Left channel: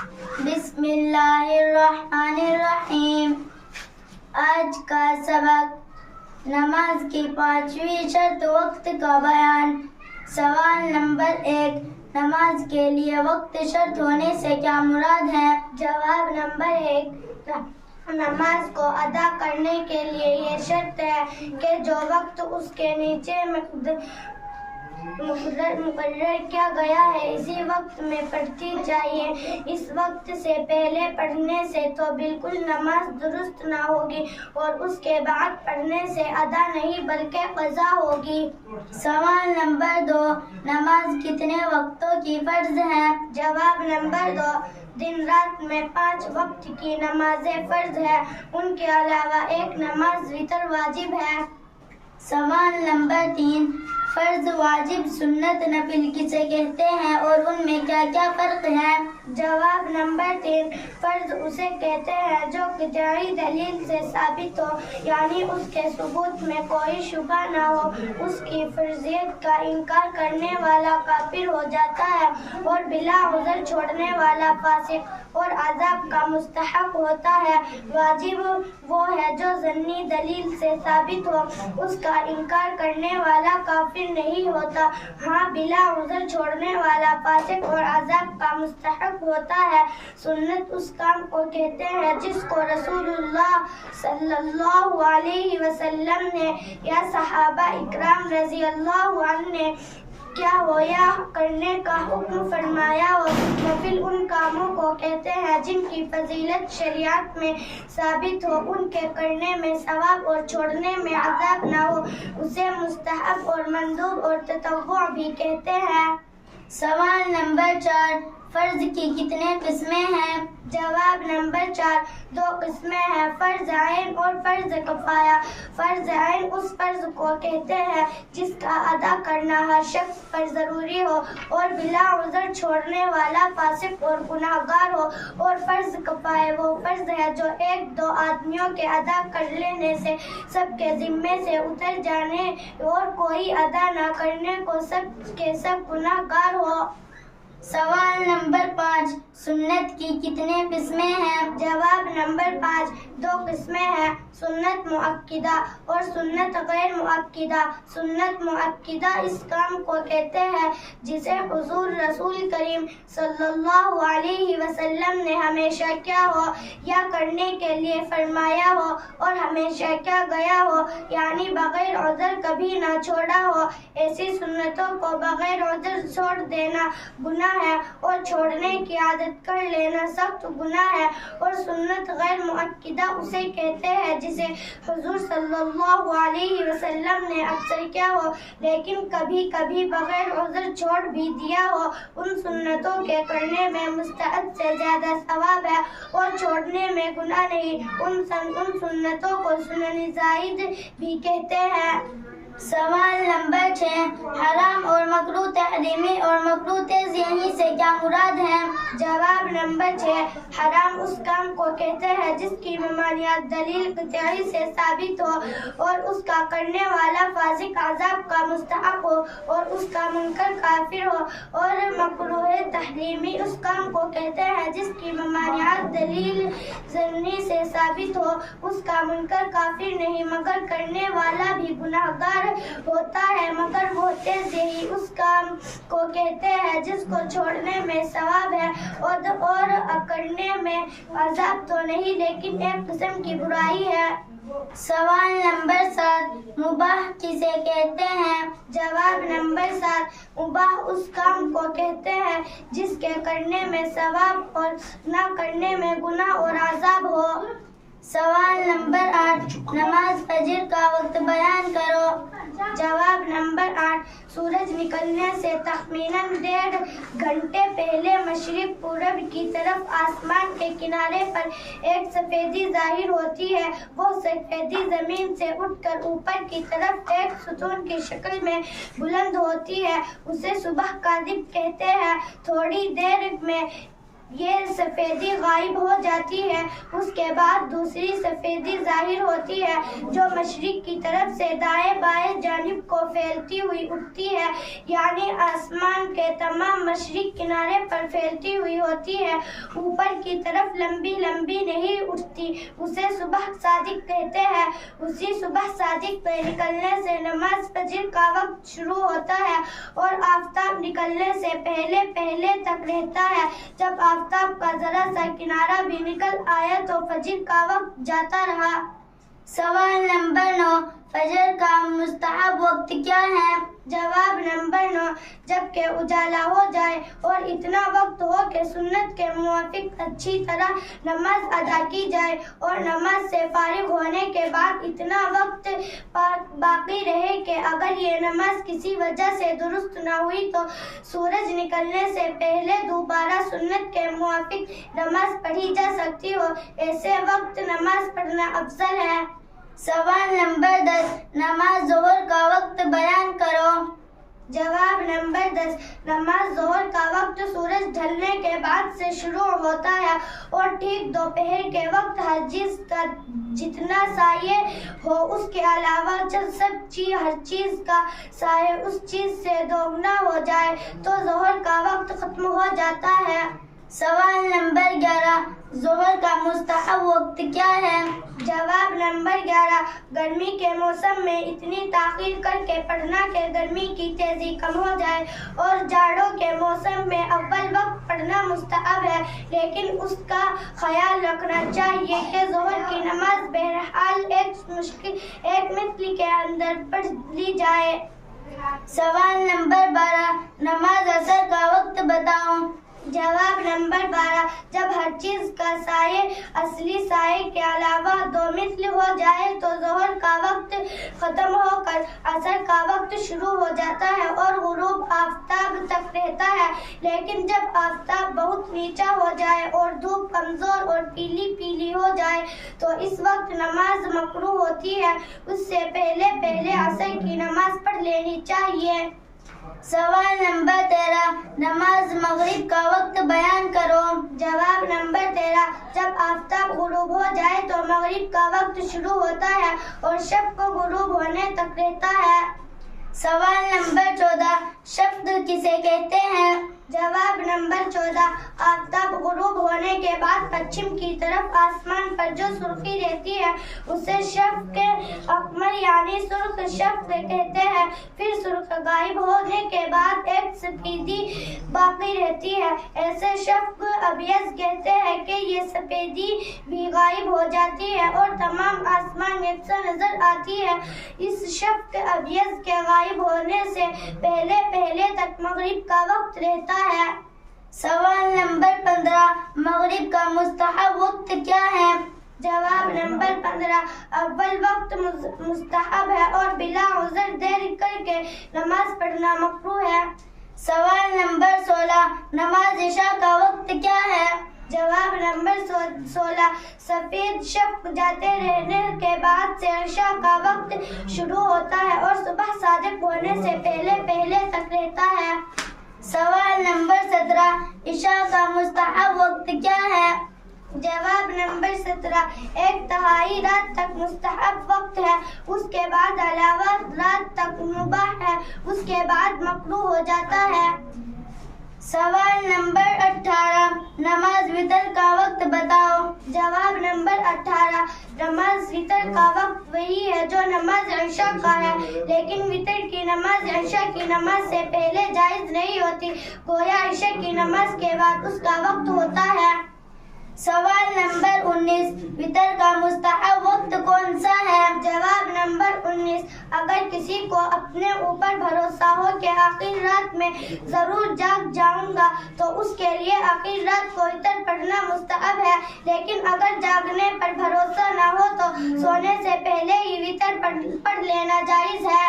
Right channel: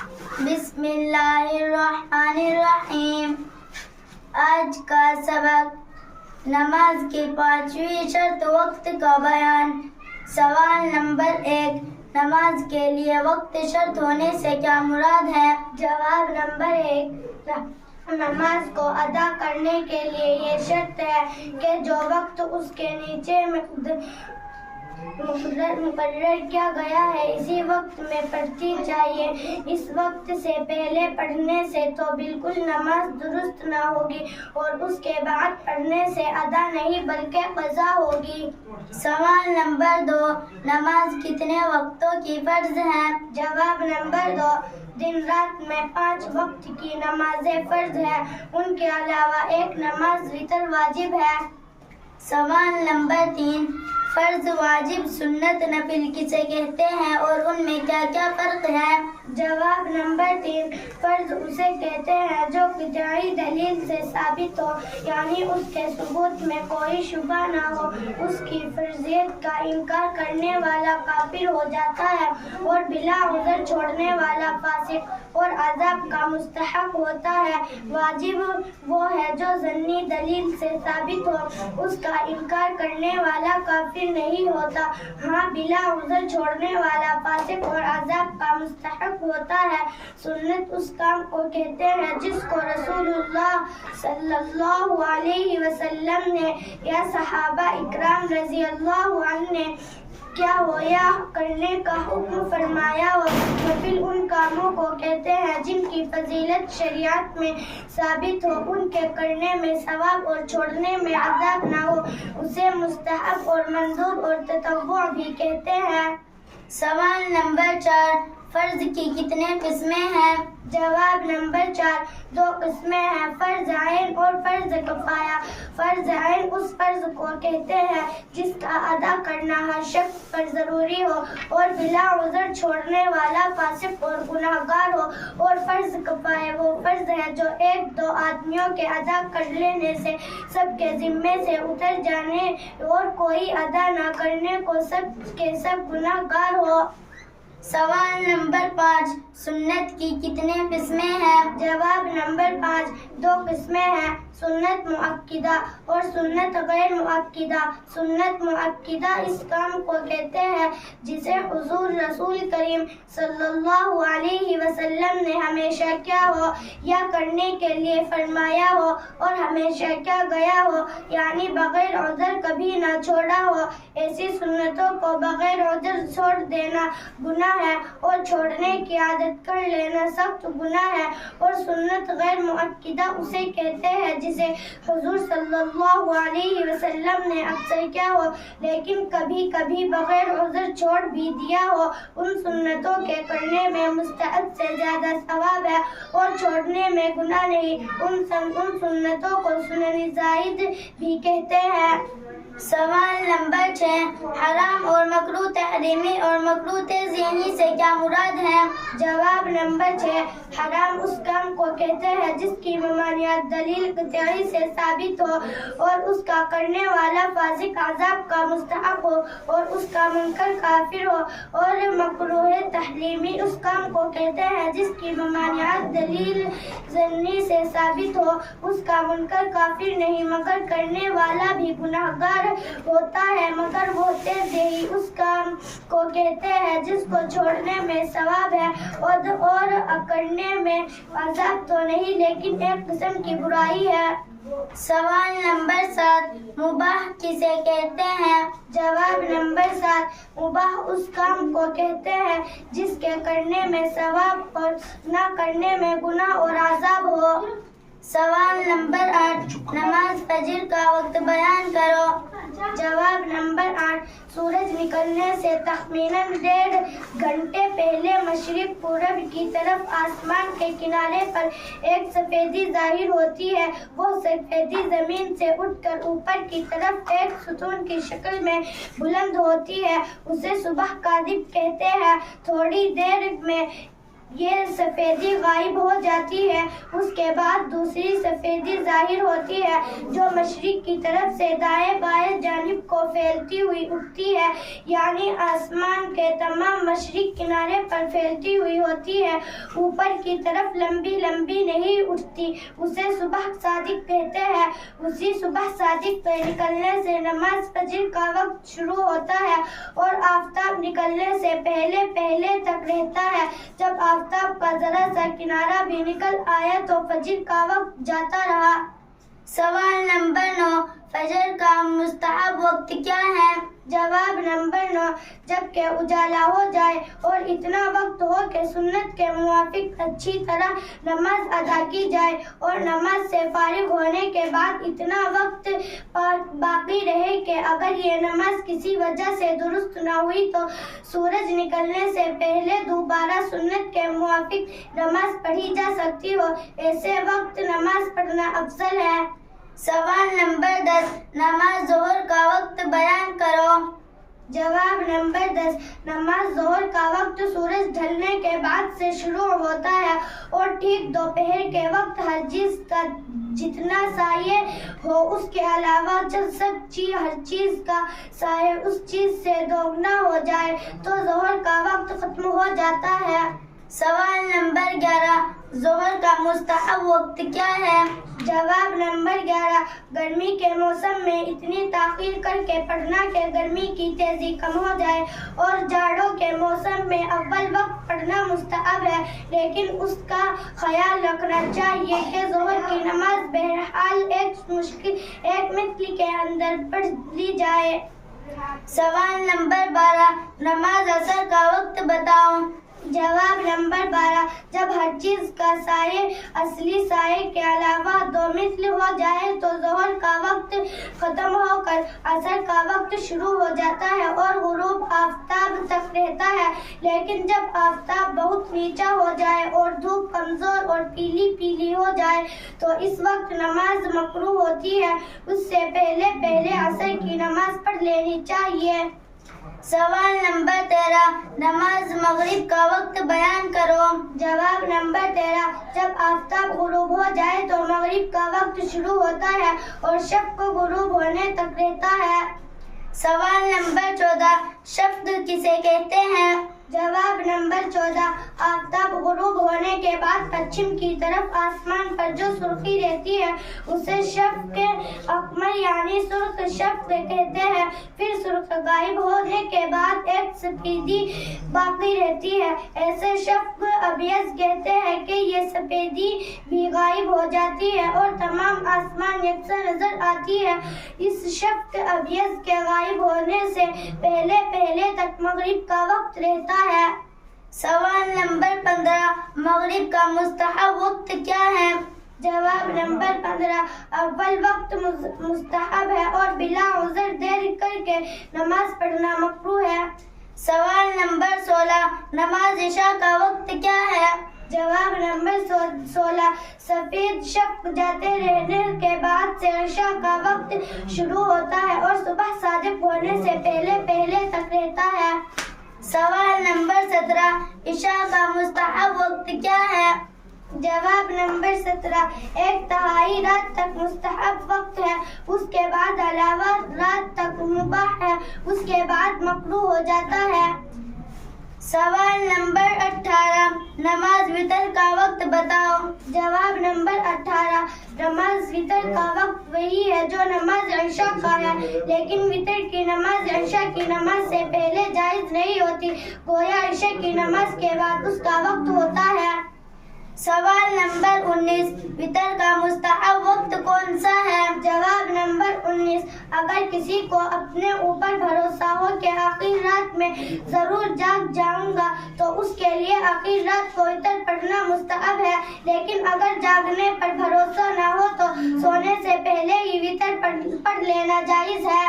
بسم اللہ الرحمن الرحیم۔ آج کا سبق نماز کی 5ویں شرط وقت کا بیان۔ سوال نمبر 1، نماز کے لیے وقت شرط ہونے سے کیا مراد ہے؟ جواب نمبر 1، نماز کو ادا کرنے کے لیے یہ شرط ہے کہ جو وقت اس کے نیچے مقرر کیا گیا ہے اسی وقت میں پڑھتی چاہیے۔ اس وقت سے پہلے پڑھنے سے تو بالکل نماز درست نہ ہوگی اور اس کے بعد پڑھنے سے ادا نہیں بلکہ قضا ہوگی۔ سوال نمبر 2، نماز کتنے وقتوں کی فرض ہے؟ جواب نمبر 2، دن رات میں 5 وقت کی نمازیں فرض ہے، ان کے علاوہ ایک نماز وتر واجب ہے۔ سوال نمبر 3، فرض، واجب، سنت، نفل کسے کہتے ہیں اور ان میں کیا کیا فرق ہے؟ جواب نمبر 3، فرض اسے کہتے ہیں جو قطعی دلیل سے ثابت ہو، یعنی اس کے ثبوت میں کوئی شبہ نہ ہو۔ اس کی فرضیت کا انکار کرنے والا کافر ہو جاتا ہے اور بلا عذر چھوڑنے والا فاسق اور عذاب کا مستحق ہوتا ہے۔ واجب وہ ہے جو ظنی دلیل سے ثابت ہو، اس کا انکار کرنے والا کافر نہیں ہوتا، ہاں بلا عذر چھوڑنے والا فاسق اور عذاب کا مستحق ہوتا ہے۔ سنت اس کام کو کہتے ہیں جس کو رسول اللہ صلی اللہ علیہ وسلم نے یا صحابہ اکرام رضی اللہ عنہ نے کیا ہو یا کرنے کا حکم فرمایا ہو۔ نفل ان کاموں کو کہتے ہیں جن کی فضیلت شریعت میں ثابت ہو، ان کے کرنے میں ثواب اور چھوڑنے میں عذاب نہ ہو، اسے مستحب اور مندوب اور تطوع بھی کہتے ہیں۔ سوال نمبر 4، فرض کی کتنے قسمیں ہیں؟ جواب نمبر 4، 2 قسمیں ہیں، فرض عین اور فرض کفایہ۔ فرض عین اس فرض کو کہتے ہیں جس کا ادا کرنا ہر شخص پر ضروری ہو اور بلا عذر چھوڑنے والا فاسق اور گناہگار ہو، اور فرض کفایہ وہ فرض ہے جو 1-2 آدمیوں کے ادا کر لینے سے سب کے ذمے سے اتر جانے اور کوئی ادا نہ کرنے کو سب کے سب گناہگار ہو۔ سوال نمبر 5، سنت کی کتنے قسمیں ہیں؟ جواب نمبر 5، 2 قسمیں ہیں، سنت مؤکدہ اور سنت غیر مؤکدہ۔ سنت مؤکدہ اس کام کو کہتے ہیں جسے حضور رسول کریم صلی اللہ علیہ وسلم نے ہمیشہ کیا ہو یا کرنے کے لیے فرمایا ہو اور ہمیشہ کیا گیا ہو، یعنی بغیر عذر کبھی نہ چھوڑا ہو۔ ایسی سنتوں کو بغیر عذر چھوڑ دینا گناہ ہے اور چھوڑنے کی عادت کر لینا سخت گناہ ہے۔ اور سنت غیر مؤکدہ اسے کہتے ہیں جسے حضور صلی اللہ علیہ وسلم نے اکثر کیا ہو لیکن کبھی کبھی بغیر عذر چھوڑ بھی دیا ہو۔ ان سنتوں کے کرنے میں مستحب سے زیادہ ثواب ہے اور چھوڑنے میں گناہ نہیں۔ ان سنتوں کو سنن زائد بھی کہتے ہیں۔ سوال نمبر 6، حرام اور مکروہ تحریمی اور مکروہ تنزیہی سے کیا مراد ہے؟ جواب نمبر 6، حرام اس کام کو کہتے ہیں جس کی ممانعت دلیل قطعی سے ثابت ہو اور اس کا کرنے والا فاسق عذاب کا مستحق ہو اور اس کا منکر کافر ہو۔ اور مکروہ تحریمی اس کام کو کہتے ہیں جس کی ممانعت دلیل ظنی سے ثابت ہو، اس کا منکر کافر نہیں مگر کرنے والا بھی گناہگار ہوتا ہے۔ مگر وہ تنزیہی اس کام کو کہتے ہیں جس کو چھوڑنے میں ثواب ہے اور کرنے میں عذاب تو نہیں لیکن ایک قسم کی برائی ہے۔ سوال نمبر 7، مباح کسے کہتے ہیں؟ جواب نمبر 7، مباح اس کام کو کہتے ہیں جس کے کرنے میں ثواب اور نہ کرنے میں گناہ اور عذاب ہو۔ سوال نمبر 8، نماز فجر کا وقت بیان کرو۔ جواب نمبر 8، سورج نکلنے سے تخمیناً 1.5 گھنٹے پہلے مشرق پورب کی طرف آسمان کے کنارے پر ایک سفیدی ظاہر ہوتی ہے۔ وہ سفیدی زمین سے اٹھ کر اوپر کی طرف ایک ستون کی شکل میں بلند ہوتی ہے، اسے صبح کاذب کہتے ہیں۔ تھوڑی دیر میں یہ سفیدی غائب ہو جاتی ہے، اس کے بعد دوسری سفیدی ظاہر ہوتی ہے جو مشرق کی طرف سے دائیں بائیں جانب کو پھیلتی ہوئی اٹھتی ہے، یعنی آسمان کے تمام مشرق کنارے پر پھیلتی ہوئی ہوتی ہے، اوپر کی طرف لمبی لمبی نہیں اٹھتی۔ اسے صبح صادق کہتے ہیں۔ اسی صبح صادق پہ نکلنے سے نماز فجر کا وقت شروع ہوتا ہے اور آفتاب نکلنے سے پہلے پہلے تک رہتا ہے۔ جب آفتاب کا ذرا سا کنارہ بھی نکل آیا تو فجر کا وقت جاتا رہا۔ سوال نمبر 9، فجر کا مستحب وقت کیا ہے؟ جواب نمبر 9، جب کہ اجالا ہو جائے اور اتنا وقت ہو کہ سنت کے موافق اچھی طرح نماز ادا کی جائے، اور نماز سے فارغ ہونے کے بعد اتنا وقت باقی رہے کہ اگر یہ نماز کسی وجہ سے درست نہ ہوئی تو سورج نکلنے سے پہلے دوبارہ سنت کے موافق نماز پڑھی جا سکتی ہو، ایسے وقت نماز پڑھنا افضل ہے۔ سوال نمبر 10، نماز ظہر کا وقت بیان کرو۔ جواب نمبر 10، نماز ظہر کا وقت سورج ڈھلنے کے بعد سے شروع ہوتا ہے اور ٹھیک دوپہر کے وقت ہر چیز کا جتنا سایہ ہو اس کے علاوہ ہر چیز کا سایہ اس چیز سے دوگنا ہو جائے تو ظہر کا وقت ختم ہو جاتا ہے۔ سوال نمبر 11، ظہر کا مستحب وقت کیا ہے؟ جواب نمبر 11، گرمی کے موسم میں اتنی تاخیر کر کے پڑھنا کہ گرمی کی تیزی کم ہو جائے، اور جاڑوں کے موسم میں اول وقت پڑھنا مستحب ہے، لیکن اس کا خیال رکھنا چاہیے کہ ظہر کی نماز بہرحال ایک مثل کے اندر پڑھ لی جائے۔ سوال نمبر 12، نماز عصر کا وقت بتاؤ۔ جواب نمبر 12، جب ہر چیز کا سایہ اصلی سائے کے علاوہ دو مثل ہو جائے تو ظہر کا وقت ختم ہو کر عصر کا وقت شروع ہو جاتا ہے اور غروب آفتاب تک رہتا ہے، لیکن جب آفتاب بہت نیچا ہو جائے اور دھوپ کمزور اور پیلی پیلی ہو جائے تو اس وقت نماز مکروہ ہوتی ہے، اس سے پہلے پہلے عصر کی نماز پڑھ لینی چاہیے۔ سوال نمبر 13، نماز مغرب کا وقت بیان کرو۔ جواب نمبر 13، جب آفتاب غروب ہو جائے تو مغرب کا وقت شروع ہوتا ہے اور شب کو غروب ہونے تک رہتا ہے۔ سوال نمبر 14، شفق کسے کہتے ہیں؟ جواب نمبر 14، آفتاب غروب ہونے کے بعد پچھم کی طرف آسمان پر جو سرخی رہتی ہے اسے شفق اقمر یعنی سرخ شفق کہتے ہیں، پھر سرخ غائب ہونے کے بعد ایک سفیدی باقی رہتی ہے، ایسے شفق ابیض کہتے ہیں کہ یہ سفیدی بھی غائب ہو جاتی ہے اور تمام آسمان یکساں نظر آتی ہے۔ اس شفق ابیض کے غائب ہونے سے پہلے پہلے تک مغرب کا وقت رہتا ہے۔ سوال نمبر 15، مغرب کا مستحب وقت کیا ہے؟ جواب نمبر 15، اول وقت مستحب ہے اور بلا عذر دیر کر کے نماز پڑھنا مکروہ ہے۔ سوال نمبر 16، نماز عشاء کا وقت کیا ہے؟ جواب نمبر 16، سفید شفق جاتے رہنے کے بعد سے عشاء کا وقت شروع ہوتا ہے اور صبح صادق ہونے سے پہلے پہلے تک رہتا ہے۔ سوال نمبر 17، عشاء کا مستحب وقت کیا ہے؟ جواب نمبر 17، ایک تہائی رات تک مستحب وقت ہے، اس کے بعد علاوہ رات تک مباح ہے، اس کے بعد مکروہ ہو جاتا ہے۔ سوال نمبر 18، نماز وتر کا وقت بتاؤ۔ جواب نمبر 18، نماز وتر کا وقت وہی ہے جو نماز عشاء کا ہے، لیکن وتر کی نماز عشاء کی نماز سے پہلے جائز نہیں ہوتی، گویا عشاء کی نماز کے بعد اس کا وقت ہوتا ہے۔ سوال نمبر 19، وتر کا مستحب وقت کون سا ہے؟ جواب نمبر 19، اگر کسی کو اپنے اوپر بھروسہ ہو کہ آخر رات میں ضرور جاگ جاؤں گا تو اس کے لیے آخر رات کو وتر پڑھنا مستحب ہے، لیکن اگر جاگنے پر بھروسہ نہ ہو تو سونے سے پہلے ہی وتر پڑھ لینا جائز ہے۔